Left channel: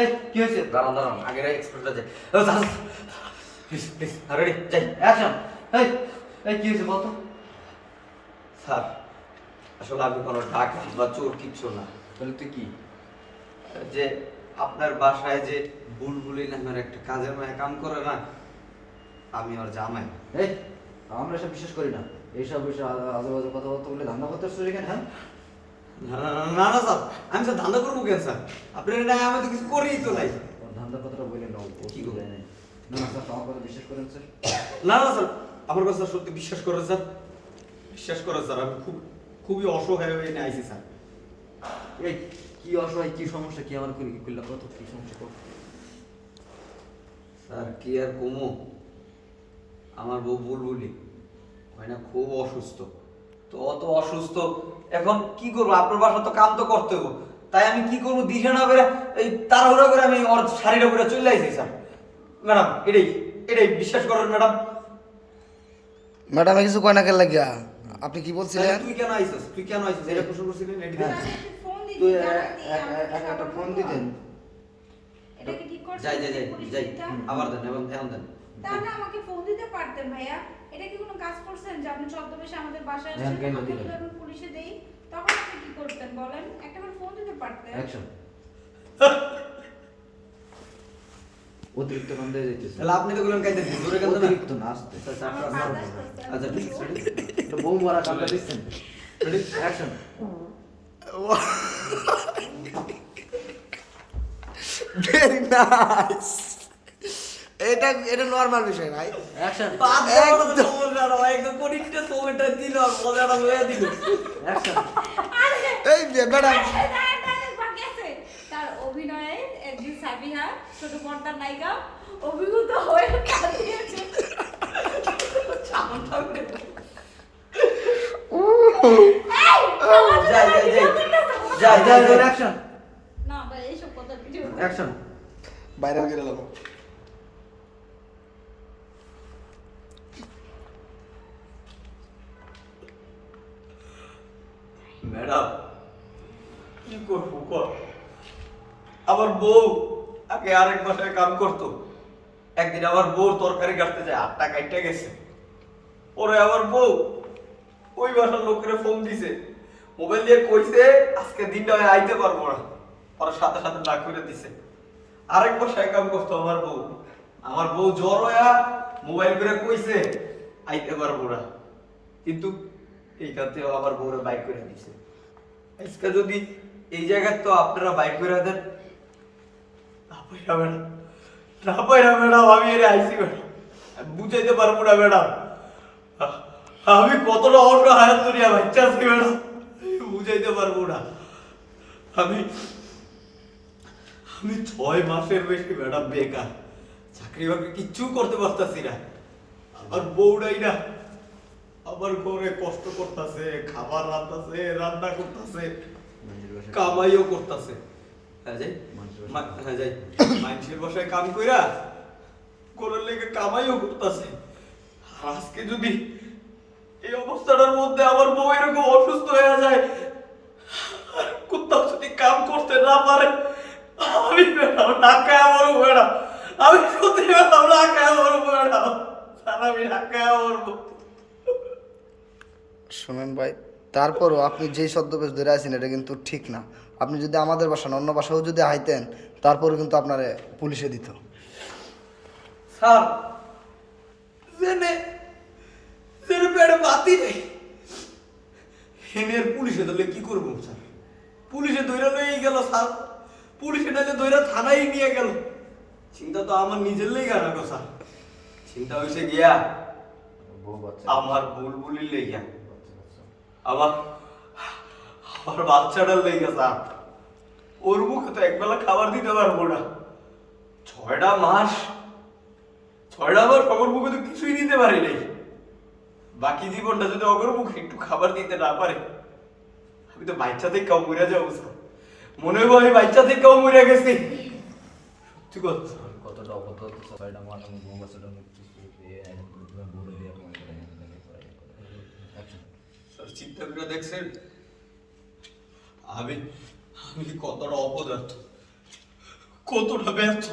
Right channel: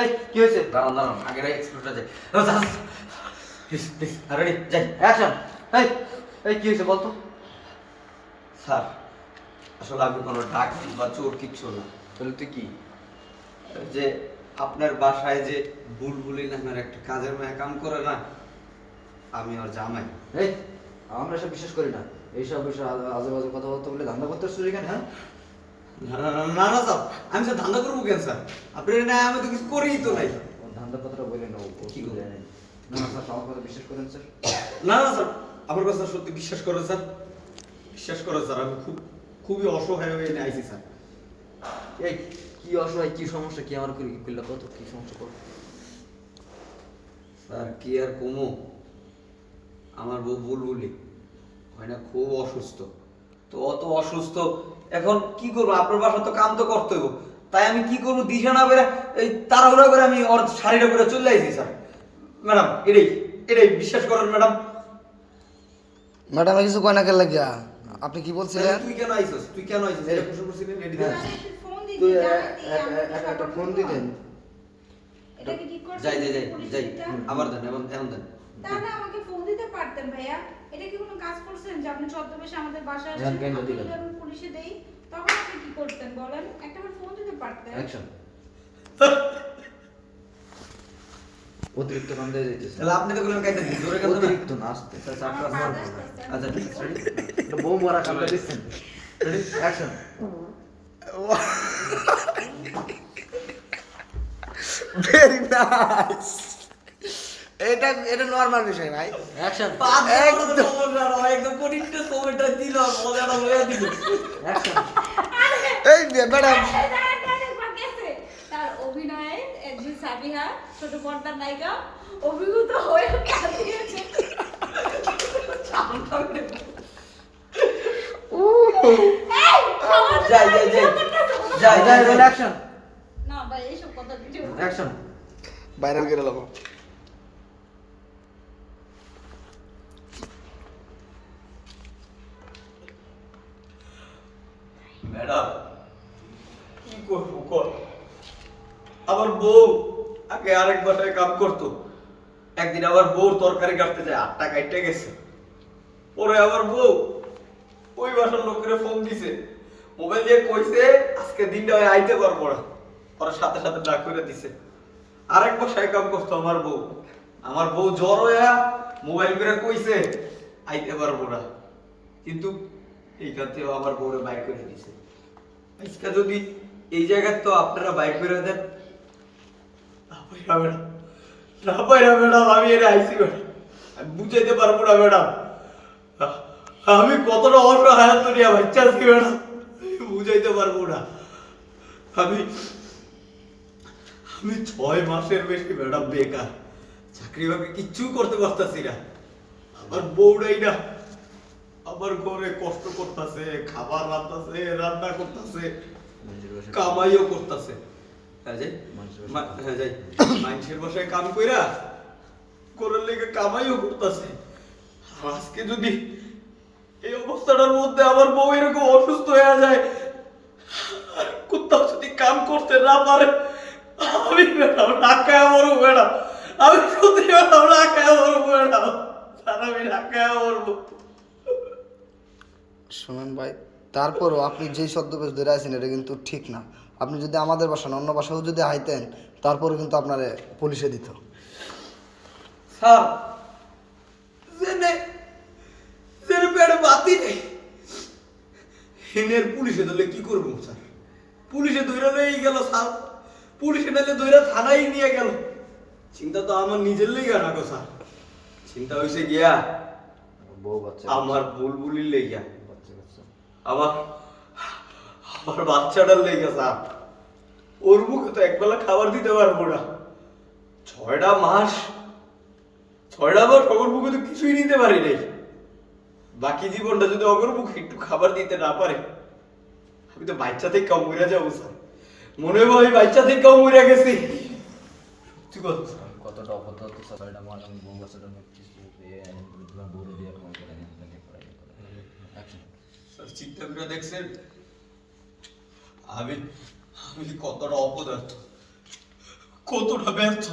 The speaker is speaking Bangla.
এই কি হয়েছে? দাঁড়ান দাঁড়ান আগে এক্সপ্রেসটা যাই প্লিজ প্লিজ রেডি যাই অ্যাকশন এই এই কি হয়েছে বলতো? স্যার আসলে আমি কোনো ডাকাতি বা চোর কিচ্ছু না। তাহলে তুই কি? যে আপনার বাসায় যে বুলবুলি নামের একটা কাজের মেয়ে কাম করে না আমি ওর জামাই। এই আমরা সব বিশ্বাস করি না। এইসব বিষয়ে আজে বাজে কথাবার্তা বলে ধান্দা করতে এখানে হ্যাঁ? না না না, না স্যার। আমি স্যার ধান্দা করব কেন স্যার? আপনি না আমি তো কিছু করেই তো নাই। ওর ধান্দার কথাটা বললেন না কি? জানেন না। স্যার আমার কথা বিশ্বাস করেন স্যার। না না স্যার আমার কথা সত্যি বিশ্বাস করেন স্যার। বিশ্বাস করেন স্যার আমি খুব খুবই অসহায় হয়ে নিয়ে আইছি স্যার। এই কি অসহায় কি সমস্যা কি আমার কি করলে কত কি সমস্যা কর স্যার কি আর কমো? আমার বউ বুলবুলি হয় না খুব অসুস্থ। তো অত অসুস্থ এখন কি করব? আপনার বাসা তো কাম তো করতে হবে তাই আমি কি করব? দিশা না বেড়ে এই তাড়াহুড়া করে আমি ওর শাড়িটা পরে চলে আইছি স্যার। ম্যাডাম এটাই এটাই বিশ্বাস করেন ম্যাডাম। ম্যাডামে কিছু কয় না কেন লাগিয়া? আপনি কি বলছিলেন? তুই কেন আইছস? তুই কেন আইছস? এটা প্রশ্ন করছিলেন রেডি হ্যাঁ। ফোন দিদি, তুই একটা ফোন দিতেন। এটা কি ঠিক করছেন? যাই যাই যাই যাই? আবার দেন এবং এখন দেন। তাহলে আমাকে ফোন দিতে পারতেন ভাইয়া। এটা কি কোনো কাজ করছেন যে আপনি ছদ্মবেশে আমাদের বাসায় হ্যাঁ, আসছেন কেন যদি আমি পুলিশে দেই তখন আপনি কি করতেন বলেন? একটাবার ফোন দিতে পারতেন। অ্যাকশন অতিরিক্ত কান্দে যাইতেছে তাহলে আপনি তো বললেন কাইতে জোরে কাঁদতে অতিরিক্ত না আসতে আমার father আচ্ছা ঠিক এটা বউ মারা কান্দে দিচ্ছেন। অ্যাকশন ভেরি নাইস এটা এটা নর্মাল বিষয় ভাই। অ্যাকশন একদম। সমস্যা না, একদম কঠিনটা সময়টা দিল মজাটা হয়ে দিল এই তার অভিনয়ে একজন সাবিহা ছোট পর্দার নায়িকা অভিভূত হয়ে কাঁদিয়েছে। যাই যাই যাই। যাই যাই যাই রোল যাই। অ্যাকশন না ভাই এইসব কথা কিছু অ্যাকশন ভাইরাল করে নেব কি করব কর? বউ আগে আরেক বাসায় কাম করতো। একদিন বউ তরকারি কাটতে যায়, আটটা গেছে। পরে বউ ওই বাসার লোকের ফোন দিছে। মোবাইল দিয়ে কইছে, আজকে দিনটা আইতে পারব না। ওরা সাথে সাথে ডাক করে দিছে। আরেক বাসায় কাম করতো আমার বউ। আমার বউ জ্বর হইয়া মোবাইল করে কইছে, আইতে পারব না। কিন্তু এইখান থেকে আমার বউরে বাইক করে দিছে। আজকে যদি এই জায়গায় তো আপনারা বাইক করে দেন, না পাইরা ম্যাডাম না পাইরা ম্যাডাম আমি এর আইসি ম্যাডাম আমি বুঝাইতে পারব না ম্যাডাম আমি কতটা অসহায় করিয়া বাচ্চা আছি ম্যাডাম বুঝাইতে পারব না। আমি আমি ছয় মাসের বেশি ম্যাডাম বেকার। চাকরি বাকরি কিচ্ছু করতে পারতাছি না। আমার বউটাই না। আমার ঘরে কষ্ট করতেছে খাবার রান্তাছে রান্না করতেছে কামাইও করতেছে। হ্যাঁ যাই। হ্যাঁ যাই। মানুষের বাসায় কাম কইরা করার লেগে কামাইও করতেছে। আজকে যদি এই অবস্থাটার মধ্যে আমার বউ এরকম অসুস্থ হয়ে যায় কোথাও যদি কাম করতে না পারে আমি ঢাকায় মরবো ম্যাডাম আমি সত্যি ম্যাডাম ঢাকায় মরবো ম্যাডাম স্যার আমি ঢাকায় মরবো শোনেন ভাই তারপরও আপনি যেই ছদ্মবেশ ধরে আছেন এটা কিন্তু ঠিক না। আপনি যদি আমাদের বাসা না অন্য বাসাও যদি আইতেন তারপরে কিন্তু আপনারে পুলিশে দিত। স্যার জেনে জেনে পেটে বাতি নেই। হেনের পুলিশে ধরলে কি করব স্যার? পুলিশে দৈরা লয়ে গেল স্যার। পুলিশে নাইলে দৈরা থানায় নিয়ে গেল। চিন্তা তো আমার নিজের লেগে রাখো স্যার। চিন্তা হয়েছে গিয়া আমার বুলবুলির লেগিয়া আমার আমার বাচ্চাটার লেগে স্যার, ওর মুখে তো একবেলা খাবার দিতে পারব না। ছয়টা মাস ছয়টা মাস অগর মুখে তো কিছুই দিতে পারি নাই। বাকি জীবনটা যদি অগর মুখে একটু খাবার দিতে না পারে, আমি তো বাচ্চাতেই কাউ মরে যাব স্যার। মনে হয় বাচ্চা থেকে কাউ মরে গেছি। কতটা অভদ্র ছয়টা মাস, আমি বউ বাচ্চাটার মধ্যে কিছু বউ দিয়ে ফোন করে অ্যাকশন স্যার চিন্তা দেখছেন? আমি আমি কতটা অপদার্থ কতটা ব্যর্থ।